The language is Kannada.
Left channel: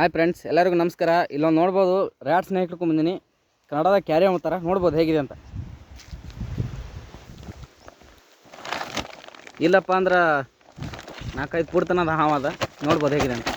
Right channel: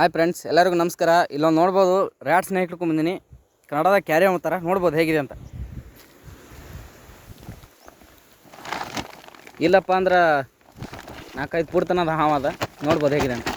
ಹಾಯ್ ಫ್ರೆಂಡ್ಸ್ ಎಲ್ಲರಿಗೂ ನಮಸ್ಕಾರ. ಇಲ್ಲೊಂದು ನೋಡ್ಬೋದು, ರ್ಯಾಟ್ ಸ್ನೇಕ್ ಬಂದೀನಿ. ಕನ್ನಡದ ಕ್ಯಾರಿ ಅಂತಾರ ನೋಡ್ಬೋದು ಹೇಗಿದೆ ಅಂತ. ಇಲ್ಲಪ್ಪ ಅಂದ್ರೆ ನಾಲ್ಕೈದು ಪೂರ್ತನದ ಹಾವು ಅದ. ನೋಡ್ಬೋದು ಹೇಗಿದೆ ಅಂತ.